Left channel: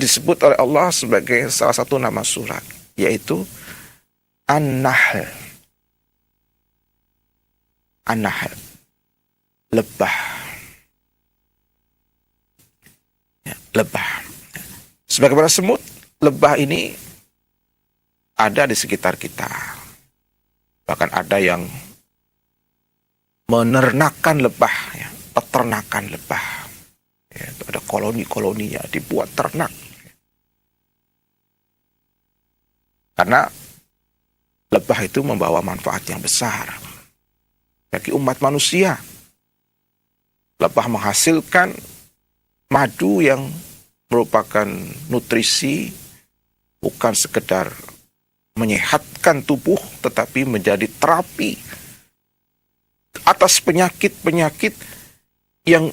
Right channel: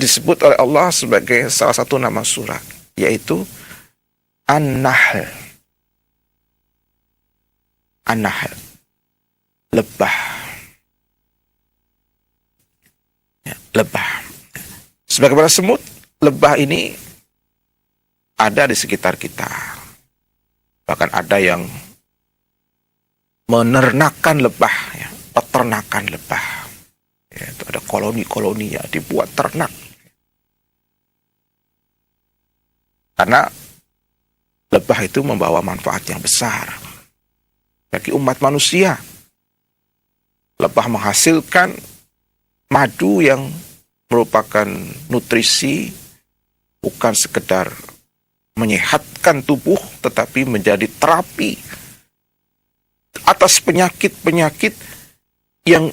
disebut oleh Allah sebagai salah satu nama surat, yaitu An-Nahl. An-Nahl, lebah. Ya, lebah. Sebagaimana semut, lebah ini ada di sekitar kita. Bahkan ada yang menernakan lebah, ya, peternakan lebah. Ya, itu ada koloni-koloni yang dibuat ternak. Karena lebah itu membawa manfaat yang besar bagi umat manusia. Lebah menghasilkan madu yang merupakan nutrisi, bukan sekedar menyehatkan tubuh, tetapi menjadi terapi atas penyakit-penyakit yang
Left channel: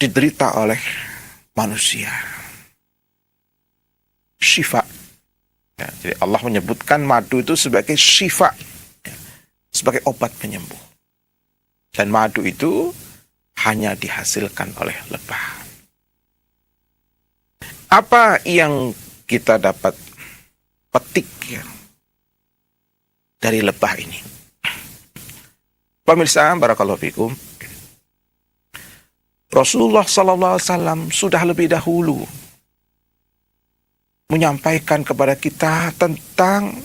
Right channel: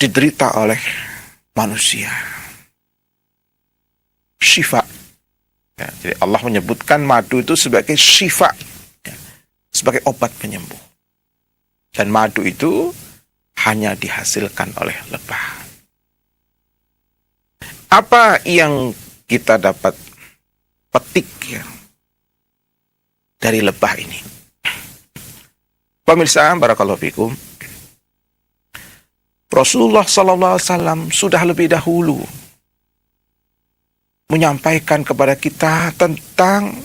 diderita oleh manusia. Syifa. Ya, jadi Allah menyebutkan madu itu sebagai syifa, ya, sebagai obat penyembuh. Dan madu itu hanya dihasilkan oleh lebah. Apa yang kita dapat petik, ya, dari lebah ini? Pemirsa, barakallahu fikum, Rasulullah SAW sudah lebih dahulu menyampaikan kepada kita tentang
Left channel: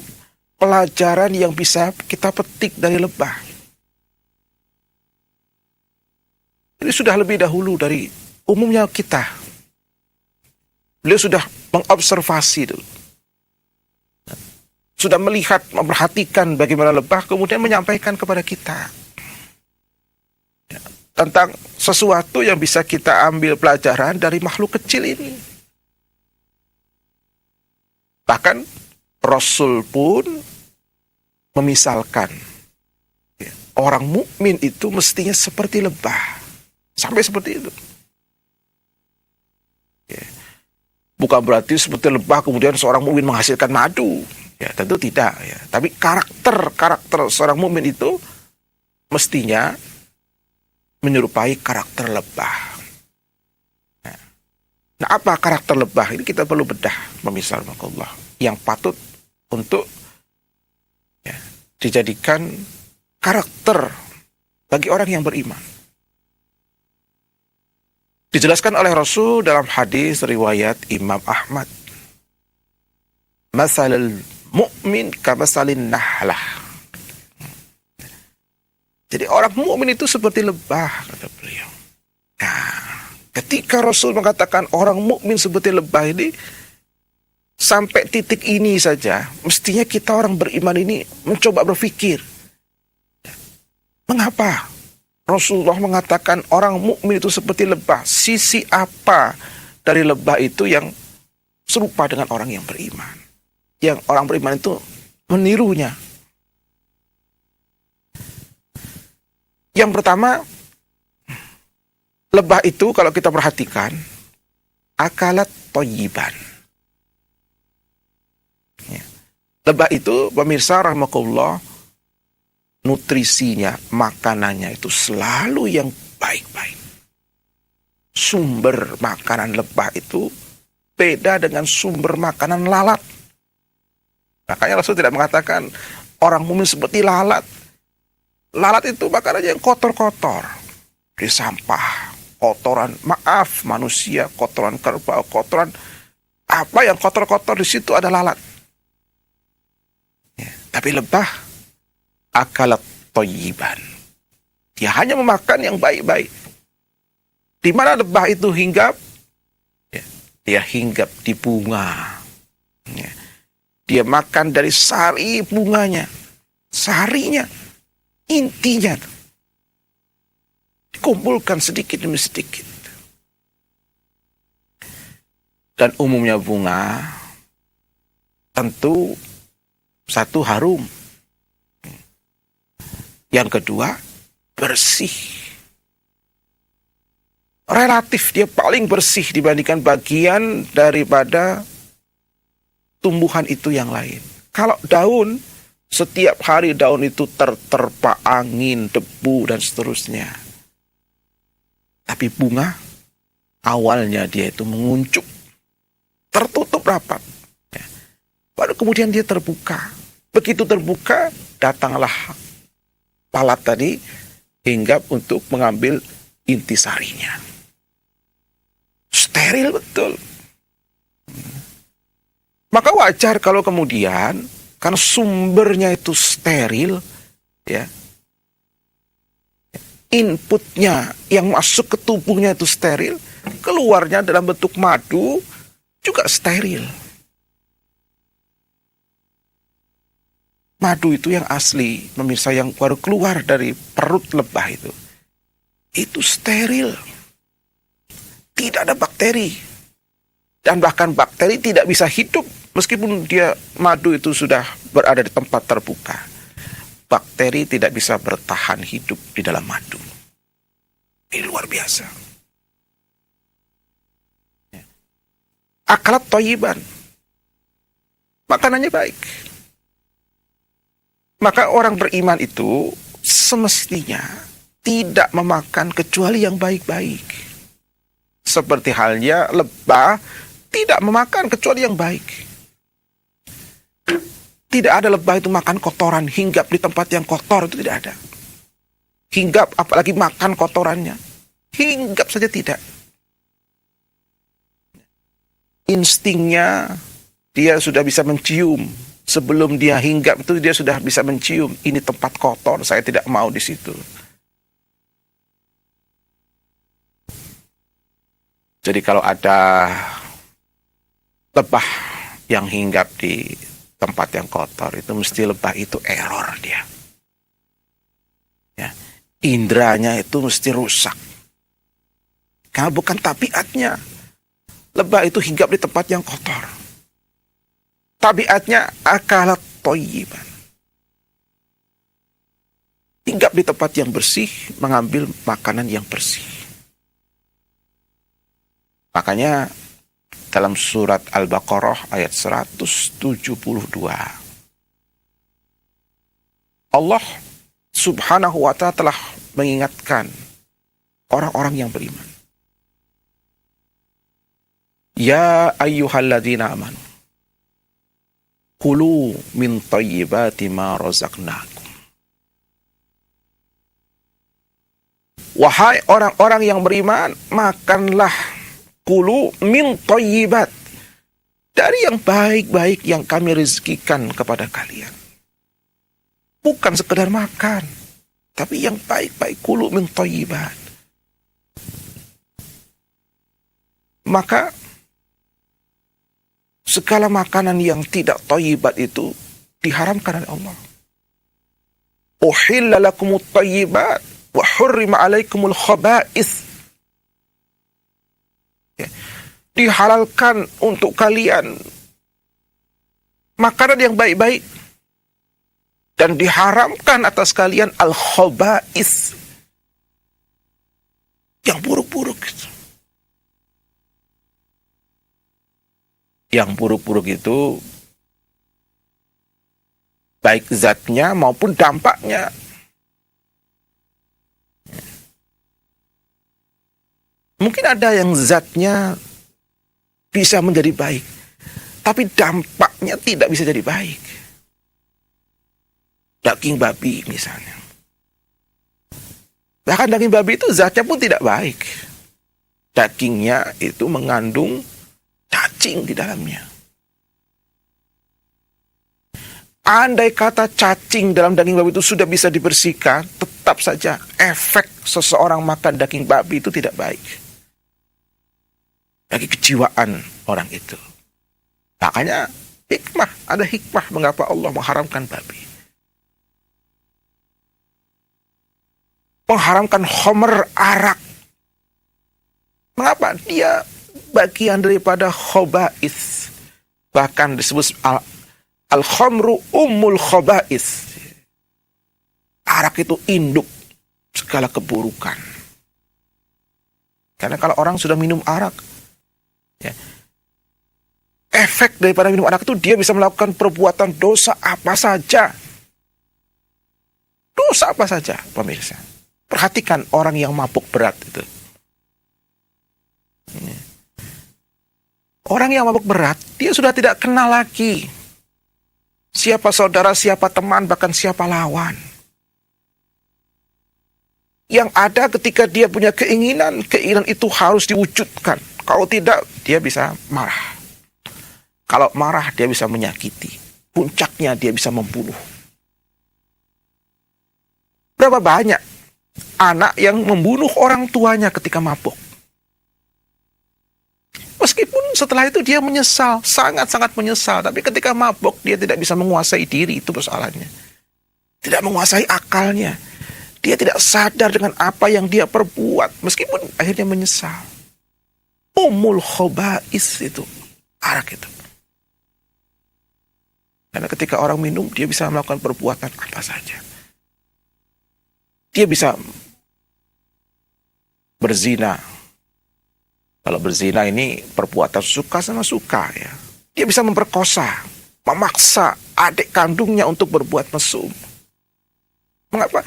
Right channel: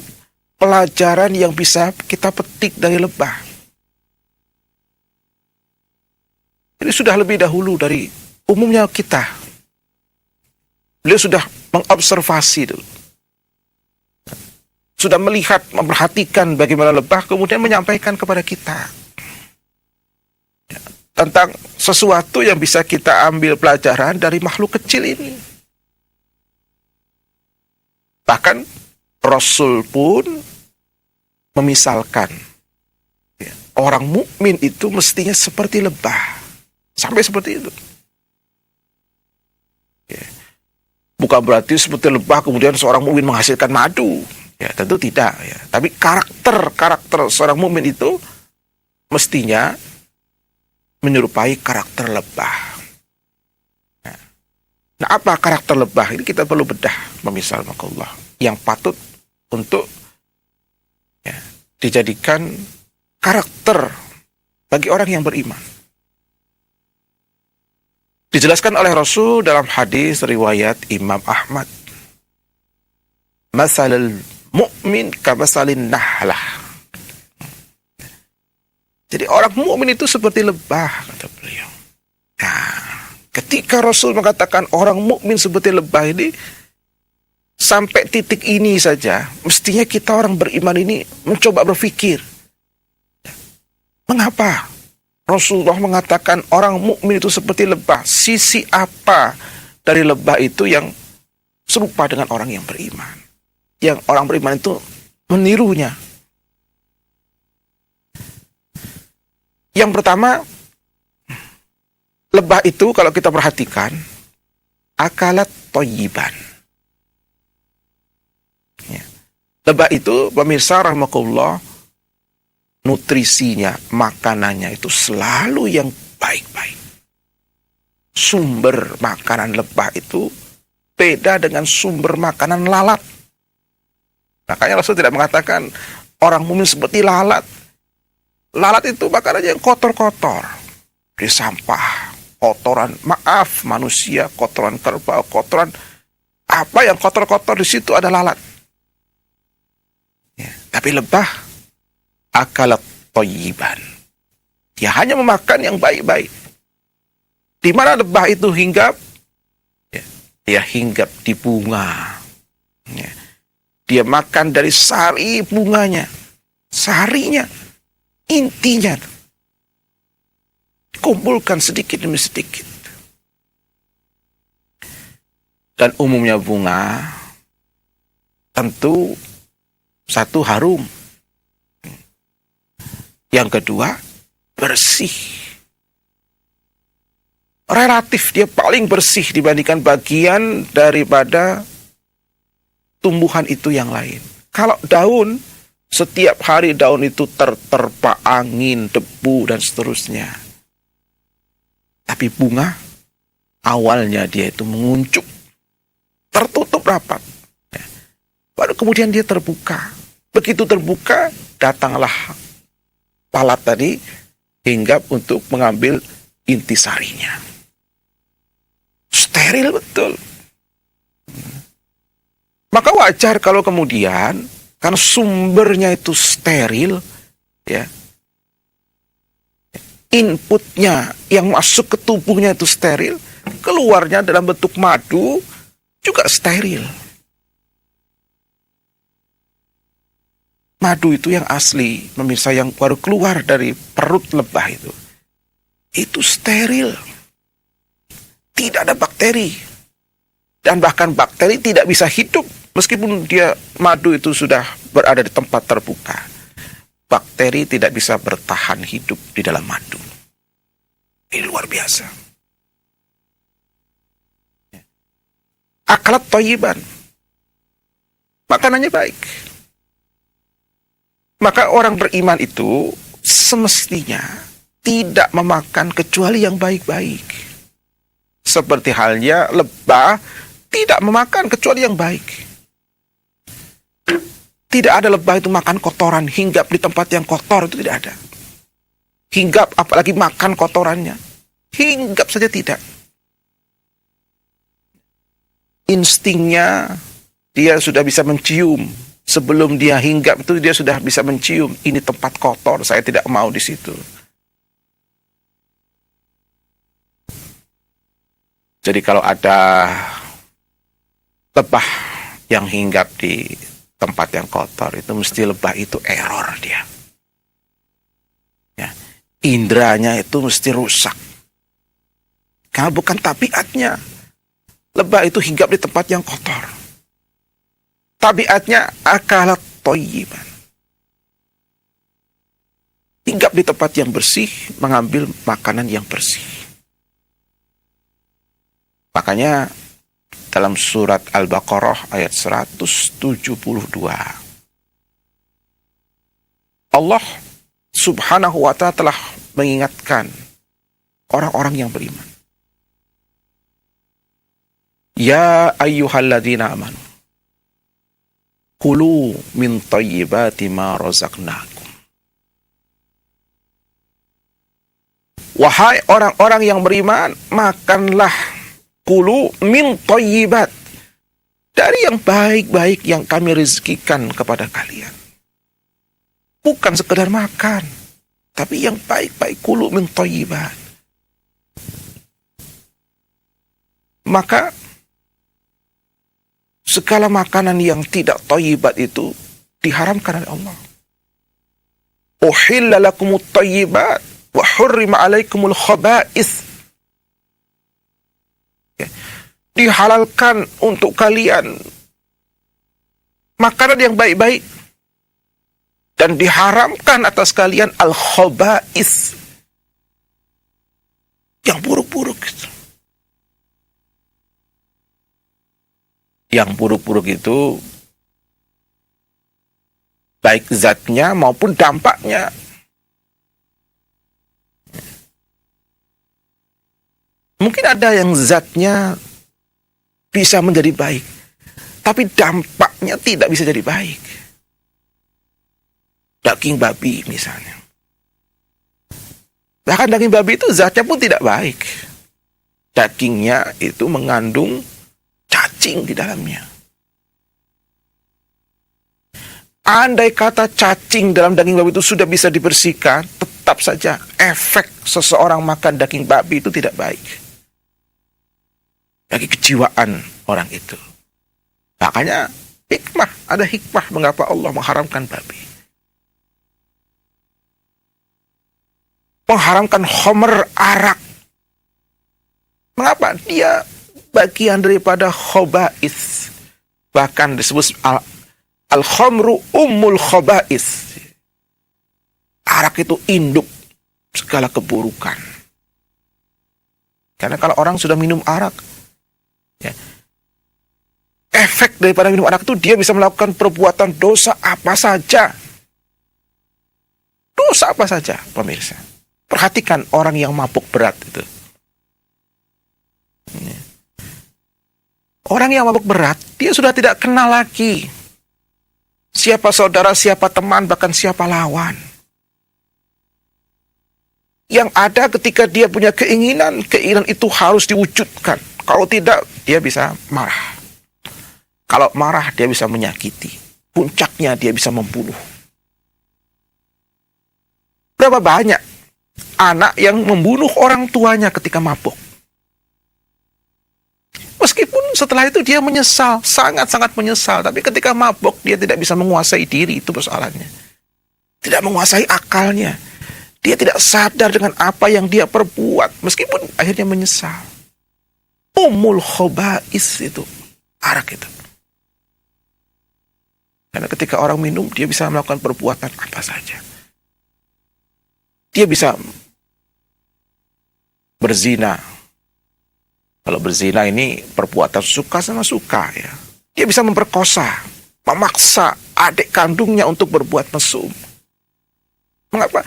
pelajaran yang bisa kita petik dari lebah. Ini sudah lebih dahulu dari umumnya kita. Beliau sudah mengobservasi dulu. Sudah melihat, memperhatikan bagaimana lebah, kemudian menyampaikan kepada kita tentang sesuatu yang bisa kita ambil pelajaran dari makhluk kecil ini. Bahkan Rasul pun memisalkan, ya, orang mukmin itu mestinya seperti lebah. Sampai seperti itu. Ya. Bukan berarti seperti lebah kemudian seorang mukmin menghasilkan madu. Ya, tentu tidak. Ya. Tapi karakter seorang mukmin itu mestinya menyerupai karakter lebah. Nah, apa karakter lebah? Ini kita perlu bedah, memisal Allah, yang patut untuk, ya, dijadikan karakter bagi orang yang beriman. Dijelaskan oleh Rasul dalam hadis riwayat Imam Ahmad. Masalul mu'min kamasalin nahlah. Jadi orang mukmin itu seperti lebah, kata beliau. Nah, ketika Rasul mengatakan orang mukmin seperti lebah ini, sampai titik ini saja, mestinya kita orang beriman ini mencoba berpikir, mengapa Rasulullah mengatakan orang mukmin itu seperti lebah? Sisi apa dari lebah itu yang serupa dengan orang yang beriman? Yang orang beriman itu menirunya. Yang pertama, lebah itu kalau kita perhatikan, akalat thayyiban. Ya. Lebah itu, pemirsa rahimakumullah, nutrisinya, makanannya itu selalu yang baik-baik. Sumber makanan lebah itu beda dengan sumber makanan lalat. Makanya Rasul tidak mengatakan orang mukmin seperti lalat. Lalat itu makanannya yang kotor-kotor. Di sampah, kotoran, maaf manusia, kotoran kerbau, kotoran apa yang kotor-kotor di situ ada lalat. Ya, tapi lebah akalat thayyiban. Dia hanya memakan yang baik-baik. Di mana lebah itu hinggap? Ya, dia hinggap di bunga. Ya. Dia makan dari sari bunganya. Sarinya, intinya. Dikumpulkan sedikit demi sedikit. Dan umumnya bunga tentu satu harum. Yang kedua, bersih. Relatif dia paling bersih dibandingkan bagian daripada tumbuhan itu yang lain. Kalau daun, setiap hari daun itu terterpa angin, debu, dan seterusnya. Tapi bunga, awalnya dia itu menguncup. tertutup rapat. Baru kemudian dia terbuka. Begitu terbuka, datanglah lalat tadi hinggap untuk mengambil intisarinya. Steril betul. Maka wajar kalau kemudian karena sumbernya itu steril, ya, inputnya yang masuk ke tubuhnya itu steril, keluarnya dalam bentuk madu juga steril. Madu itu yang asli, pemirsa, yang baru keluar dari perut lebah itu steril. Tidak ada bakteri. Dan bahkan bakteri tidak bisa hidup meskipun dia madu itu sudah berada di tempat terbuka. Bakteri tidak bisa bertahan hidup di dalam madu. Ini luar biasa. Akalat thayyiban. Makanannya baik. Maka orang beriman itu semestinya tidak memakan kecuali yang baik-baik. Seperti halnya lebah tidak memakan kecuali yang baik. Tidak ada lebah itu makan kotoran, hinggap di tempat yang kotor, itu tidak ada. Hinggap apalagi makan kotorannya. Hinggap saja tidak. Instingnya dia sudah bisa mencium. Sebelum dia hinggap itu dia sudah bisa mencium. Ini tempat kotor, saya tidak mau di situ. Jadi kalau ada lebah yang hinggap di tempat yang kotor, itu mesti lebah itu error dia. Ya. Indranya itu mesti rusak. Karena bukan tabiatnya. Lebah itu hinggap di tempat yang kotor. Tabiatnya akalat thayyiban. Hinggap di tempat yang bersih, mengambil makanan yang bersih. Makanya dalam surat Al-Baqarah ayat 172, Allah subhanahu wa ta'ala telah mengingatkan orang-orang yang beriman. Ya ayyuhalladzina amanu kulu min thayyibati ma razaqnakum. Wahai orang-orang yang beriman, makanlah, kulu min thayyibat, dari yang baik-baik yang kami rezekikan kepada kalian. Bukan sekedar makan, tapi yang baik-baik, kulu min thayyibat. Maka segala makanan yang tidak thayyibat itu diharamkan oleh Allah. Uhilla lakumut thayyibat wa hurrima alaikumul khaba'ith. Dihalalkan untuk kalian makanan yang baik-baik dan diharamkan atas kalian al-khaba'ith, yang buruk-buruk itu. Yang buruk-buruk itu baik zatnya maupun dampaknya. Mungkin ada yang zatnya bisa menjadi baik, tapi dampaknya tidak bisa jadi baik. Daging babi misalnya. Bahkan daging babi itu zatnya pun tidak baik. Dagingnya itu mengandung cacing di dalamnya. Andai kata cacing dalam daging babi itu sudah bisa dibersihkan, tetap saja efek seseorang makan daging babi itu tidak baik bagi kejiwaan orang itu. Makanya ada hikmah mengapa Allah mengharamkan babi. Mengharamkan khamr, arak. Mengapa? Dia bagian daripada khaba'ith. Bahkan disebut al-khamru ummul khaba'ith. Arak itu induk segala keburukan. Karena kalau orang sudah minum arak, ya, efek daripada minum arak itu dia bisa melakukan perbuatan dosa apa saja. Dosa apa saja, pemirsa. Perhatikan orang yang mabuk berat itu. Orang yang mabuk berat, dia sudah tidak kenal lagi siapa saudara, siapa teman, bahkan siapa lawan. Yang ada ketika dia punya keinginan, keinginan itu harus diwujudkan. Kalau tidak, dia bisa marah. Kalau marah, dia bisa menyakiti. Puncaknya, dia bisa membunuh. Berapa banyak anak yang membunuh orang tuanya ketika mabuk? Meskipun setelah itu dia menyesal, sangat-sangat menyesal. Tapi ketika mabuk, dia tidak bisa menguasai diri, itu persoalannya. Tidak menguasai akalnya. Dia tidak sadar dengan apa yang dia perbuat, meskipun akhirnya menyesal. Ummul khaba'is itu, arak itu. Karena ketika orang minum, dia bisa melakukan perbuatan apa saja. Dia bisa berzina. Kalau berzina ini perbuatan suka sama suka ya. Dia bisa memperkosa, memaksa adik kandungnya untuk berbuat mesum. Mengapa?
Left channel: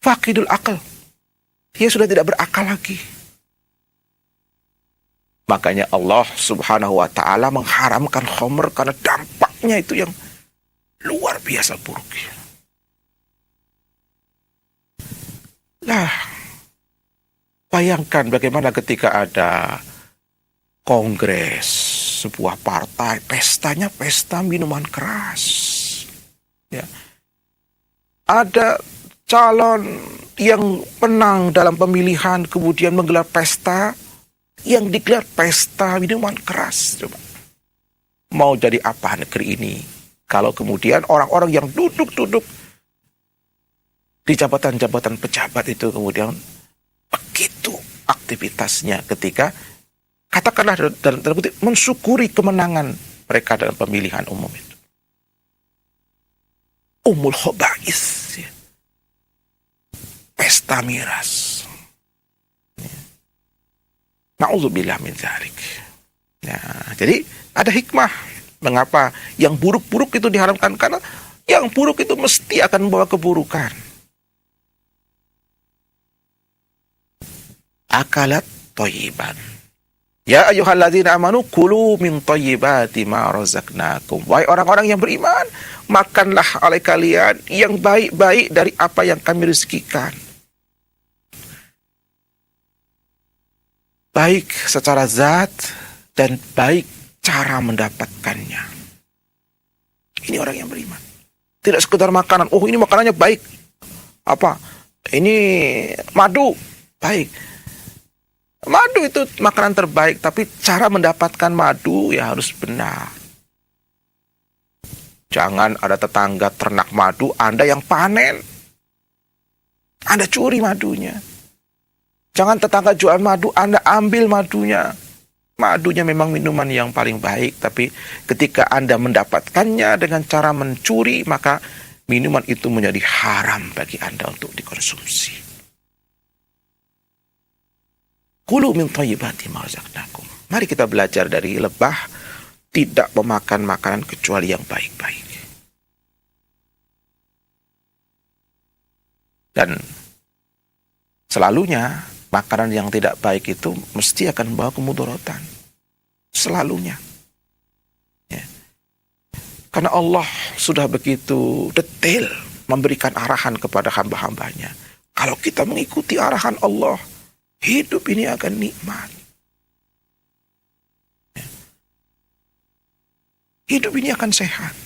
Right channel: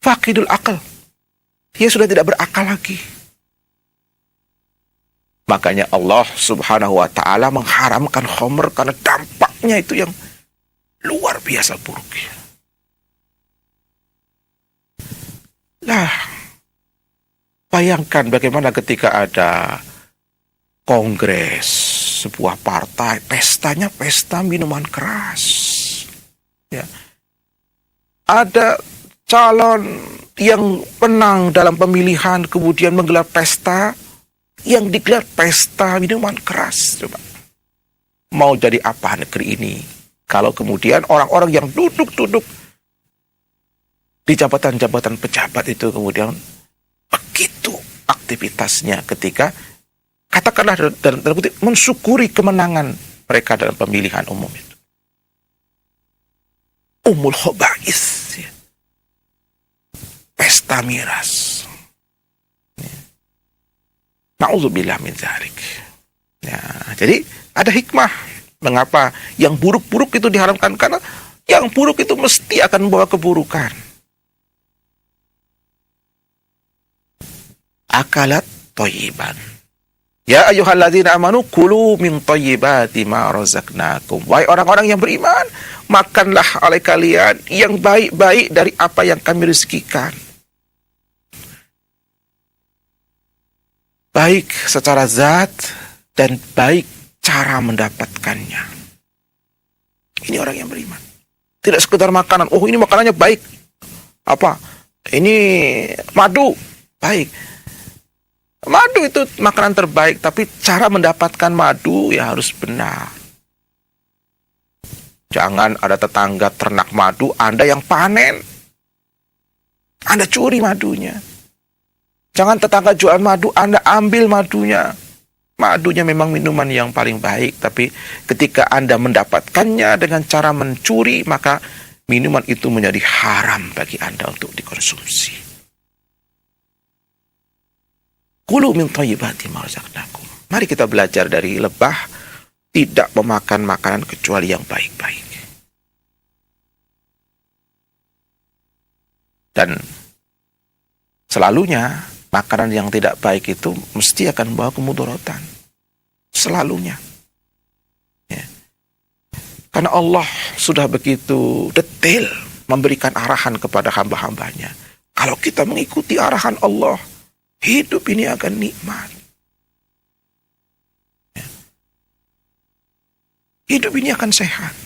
Faqidul akal. Dia sudah tidak berakal lagi. Makanya Allah Subhanahu wa ta'ala mengharamkan khamr karena dampaknya itu yang luar biasa buruknya. Nah, bayangkan bagaimana ketika ada kongres sebuah partai, pestanya pesta minuman keras. Ya. Ada calon yang menang dalam pemilihan kemudian menggelar pesta, yang digelar pesta minuman keras. Coba. Mau jadi apa negeri ini kalau kemudian orang-orang yang duduk-duduk di jabatan-jabatan pejabat itu kemudian begitu aktivitasnya ketika katakanlah dalam kutip mensyukuri kemenangan mereka dalam pemilihan umum itu. Ummul khaba'is, ya. Pesta miras. Na'udzubillah min dzalik. Nah, jadi ada hikmah mengapa yang buruk-buruk itu diharamkan, karena yang buruk itu mesti akan membawa keburukan. Akalat thayyiban. Ya ayyuhalladzina amanu kulu min thayyibati ma razaqnakum. Wahai orang-orang yang beriman, makanlah oleh kalian yang baik-baik dari apa yang kami rezekikan. Baik secara zat dan baik cara mendapatkannya. Ini orang yang beriman. Tidak sekedar makanan. Oh, ini makanannya baik. Apa? Ini madu. Baik. Madu itu makanan terbaik, tapi cara mendapatkan madu ya harus benar. Jangan ada tetangga ternak madu, Anda yang panen. Anda curi madunya. Jangan tetangga jual madu, Anda ambil madunya. Madunya memang minuman yang paling baik, tapi ketika Anda mendapatkannya dengan cara mencuri, maka minuman itu menjadi haram bagi Anda untuk dikonsumsi. Kulu min thayyibati ma razaqnakum. Mari kita belajar dari lebah, tidak memakan makanan kecuali yang baik-baik. Dan selalunya makanan yang tidak baik itu mesti akan membawa kemudaratan. Selalunya. Ya. Karena Allah sudah begitu detail memberikan arahan kepada hamba-hambanya. Kalau kita mengikuti arahan Allah, hidup ini akan nikmat. Hidup ini akan sehat.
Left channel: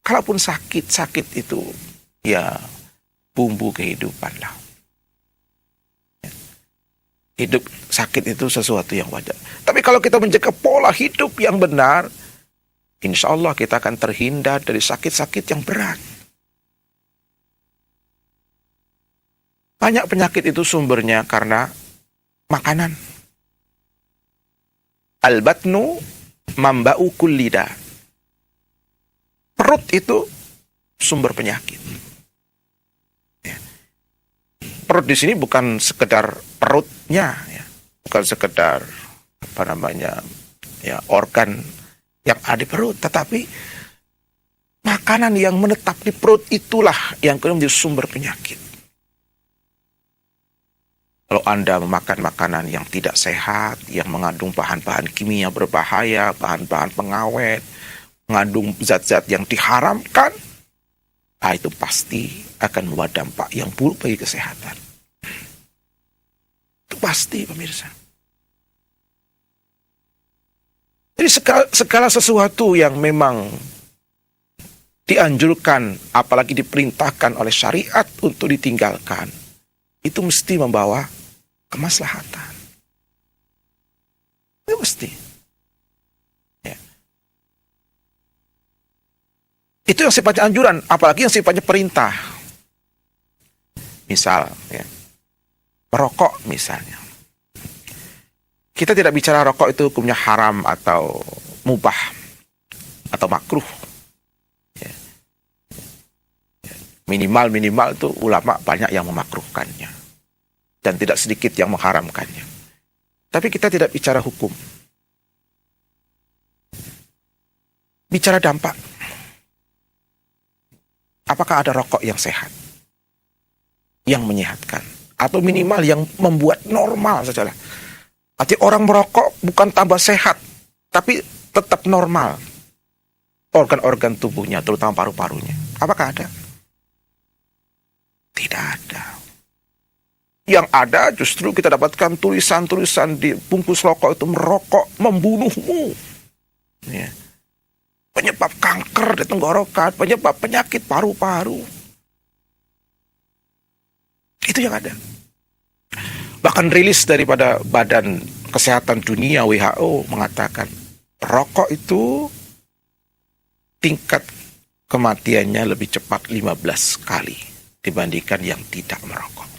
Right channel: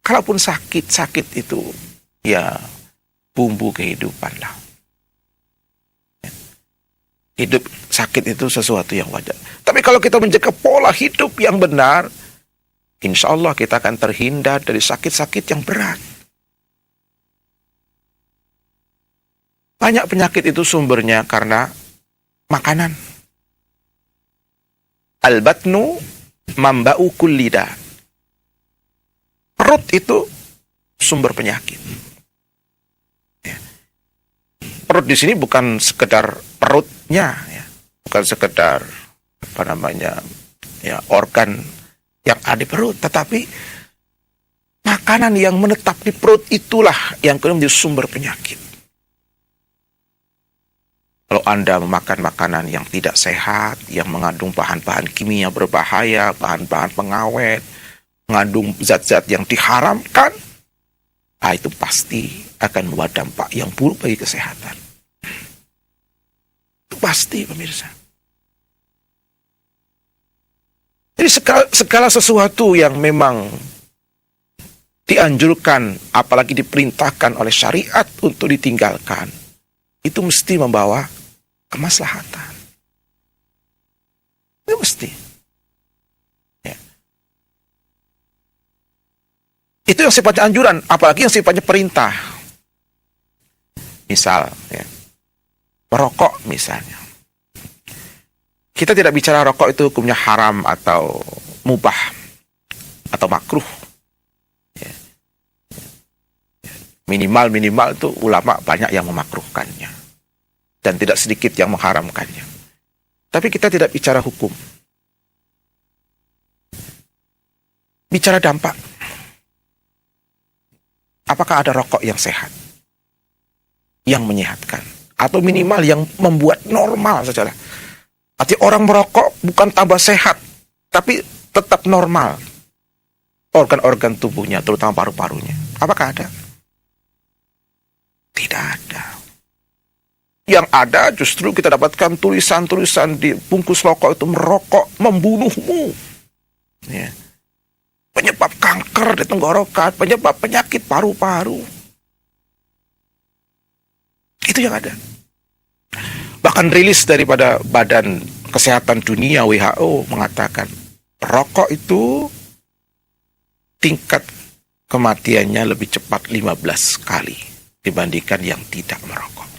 Kalaupun sakit itu ya bumbu kehidupan lah. Hidup sakit itu sesuatu yang wajar. Tapi kalau kita menjaga pola hidup yang benar, insya Allah kita akan terhindar dari sakit-sakit yang berat. Banyak penyakit itu sumbernya karena makanan. Al-batnu mamba'u kullida. Perut itu sumber penyakit. Ya. Perut di sini bukan sekedar perutnya, ya. Bukan sekedar organ yang ada di perut, tetapi makanan yang menetap di perut itulah yang kemudian menjadi sumber penyakit. Kalau Anda memakan makanan yang tidak sehat, yang mengandung bahan-bahan kimia berbahaya, bahan-bahan pengawet, mengandung zat-zat yang diharamkan, nah itu pasti akan membawa dampak yang buruk bagi kesehatan. Itu pasti, pemirsa. Jadi segala sesuatu yang memang dianjurkan, apalagi diperintahkan oleh syariat untuk ditinggalkan, itu mesti membawa kemaslahatan. Itu mesti. Ya. Itu yang sifatnya anjuran, apalagi yang sifatnya perintah. Misal, ya, merokok misalnya. Kita tidak bicara rokok itu hukumnya haram atau mubah atau makruh. Ya. Minimal itu ulama banyak yang memakruhkannya. Dan tidak sedikit yang mengharamkannya. Tapi kita tidak bicara hukum. Bicara dampak. Apakah ada rokok yang sehat? Yang menyehatkan? Atau minimal yang membuat normal saja. Arti orang merokok bukan tambah sehat, tapi tetap normal. Organ-organ tubuhnya, terutama paru-parunya. Apakah ada? Tidak ada. Yang ada justru kita dapatkan tulisan-tulisan di bungkus rokok itu merokok membunuhmu. Ya. Penyebab kanker di tenggorokan, penyebab penyakit paru-paru. Itu yang ada. Bahkan rilis daripada Badan Kesehatan Dunia WHO mengatakan rokok itu tingkat kematiannya lebih cepat 15 kali dibandingkan yang tidak merokok.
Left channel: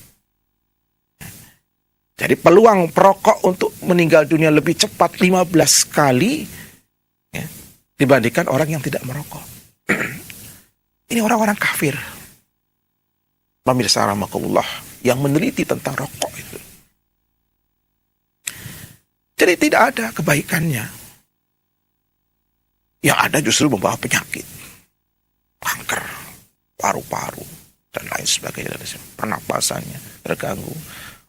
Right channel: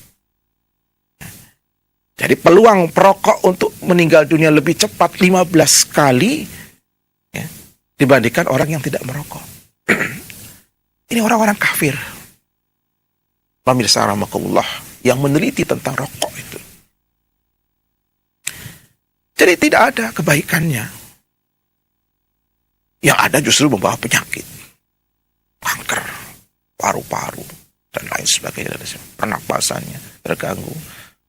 Jadi peluang perokok untuk meninggal dunia lebih cepat 15 kali ya, dibandingkan orang yang tidak merokok. Ini orang-orang kafir. Pemirsa rahimakumullah yang meneliti tentang rokok itu. Jadi tidak ada kebaikannya. Yang ada justru membawa penyakit. Kanker, paru-paru, dan lain sebagainya. Pernapasannya terganggu.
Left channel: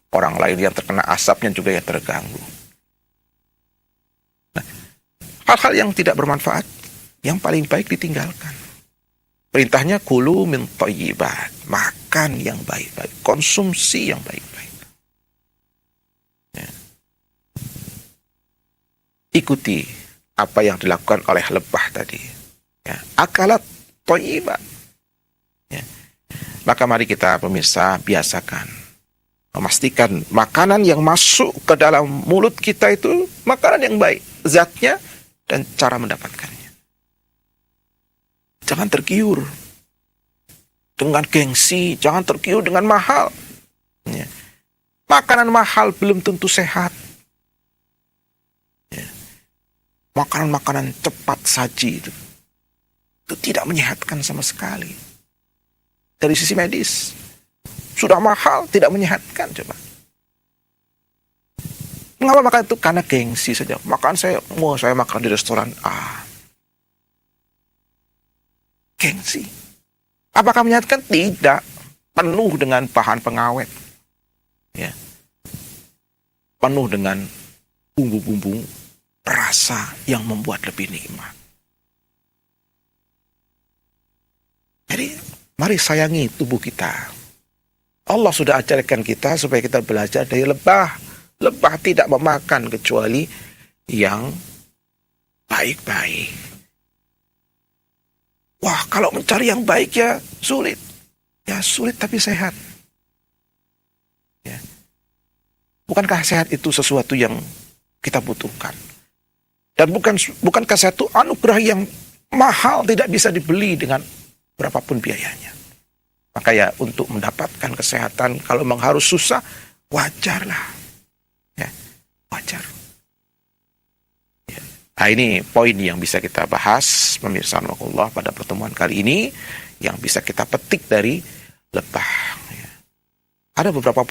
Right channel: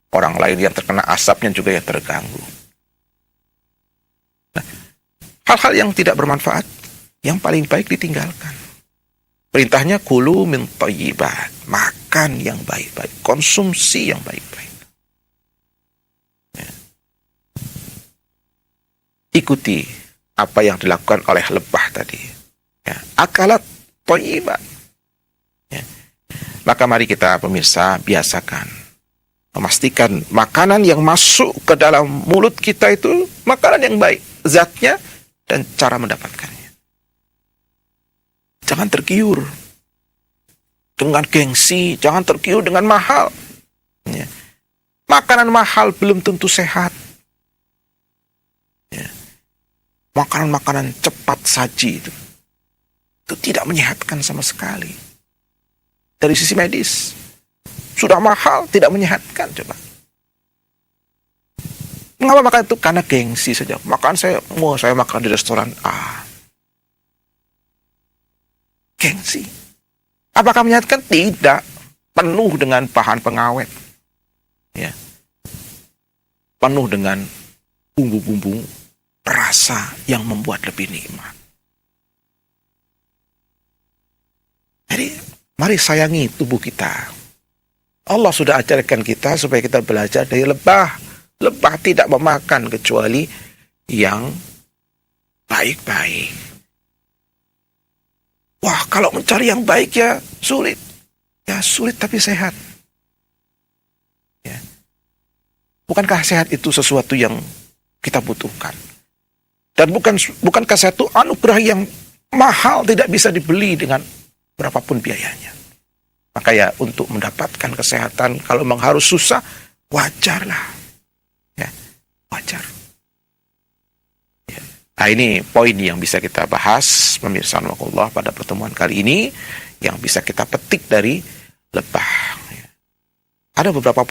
Orang lain yang terkena asapnya juga ya terganggu. Nah, hal-hal yang tidak bermanfaat, yang paling baik ditinggalkan. Perintahnya kulu min thayyibat. Makan yang baik-baik. Konsumsi yang baik-baik. Ikuti apa yang dilakukan oleh lebah tadi. Ya, akalat thayyibat. Ya. Maka mari kita pemirsa biasakan. Memastikan makanan yang masuk ke dalam mulut kita itu makanan yang baik. Zatnya dan cara mendapatkannya. Jangan tergiur dengan gengsi. Jangan tergiur dengan mahal. Ya. Makanan mahal belum tentu sehat. Makanan-makanan cepat saji itu tidak menyehatkan sama sekali. Dari sisi medis. Sudah mahal, tidak menyehatkan. Coba. Mengapa makan itu? Karena gengsi saja. Saya makan di restoran A. Gengsi. Apakah menyehatkan? Tidak. Penuh dengan bahan pengawet. Ya. Penuh dengan bumbu-bumbu rasa yang membuat lebih nikmat. Jadi, mari sayangi tubuh kita. Allah sudah ajarkan kita supaya kita belajar dari lebah. Lebah tidak memakan kecuali yang baik-baik. Wah, kalau mencari yang baik ya sulit. Ya sulit tapi sehat. Ya. Bukankah sehat itu sesuatu yang kita butuhkan? Dan bukankah satu anugerah yang mahal tidak bisa dibeli dengan berapapun biayanya. Maka ya untuk mendapatkan kesehatan kalau memang harus susah, wajarlah. Ya, wajar. Ya. Nah ini poin yang bisa kita bahas pemirsa Allah pada pertemuan kali ini yang bisa kita petik dari lebah. Ya. Ada beberapa